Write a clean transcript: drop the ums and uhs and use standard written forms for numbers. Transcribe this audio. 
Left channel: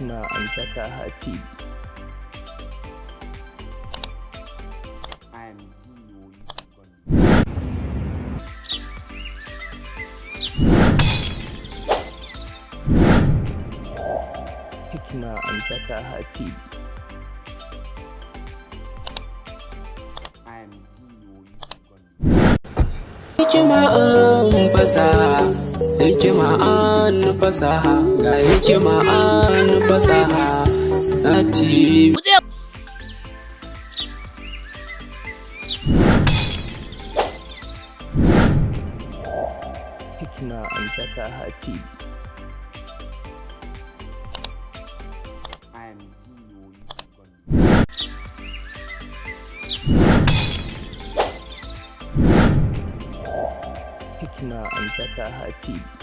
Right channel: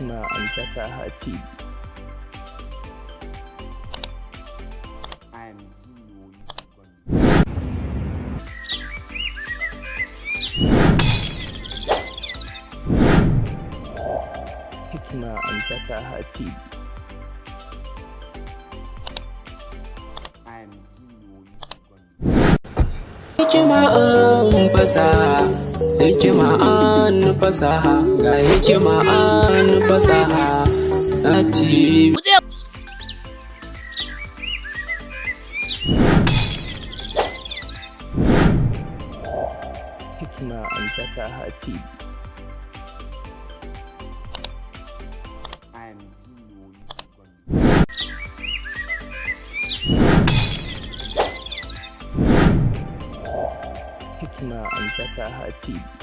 Hikima&fasaha TV. Hikima&fasaha TV. Hikima&fasaha, Hikima&fasaha, ga Hikima&fasaha TV. Hikima&fasaha TV. Hikima&fasaha TV.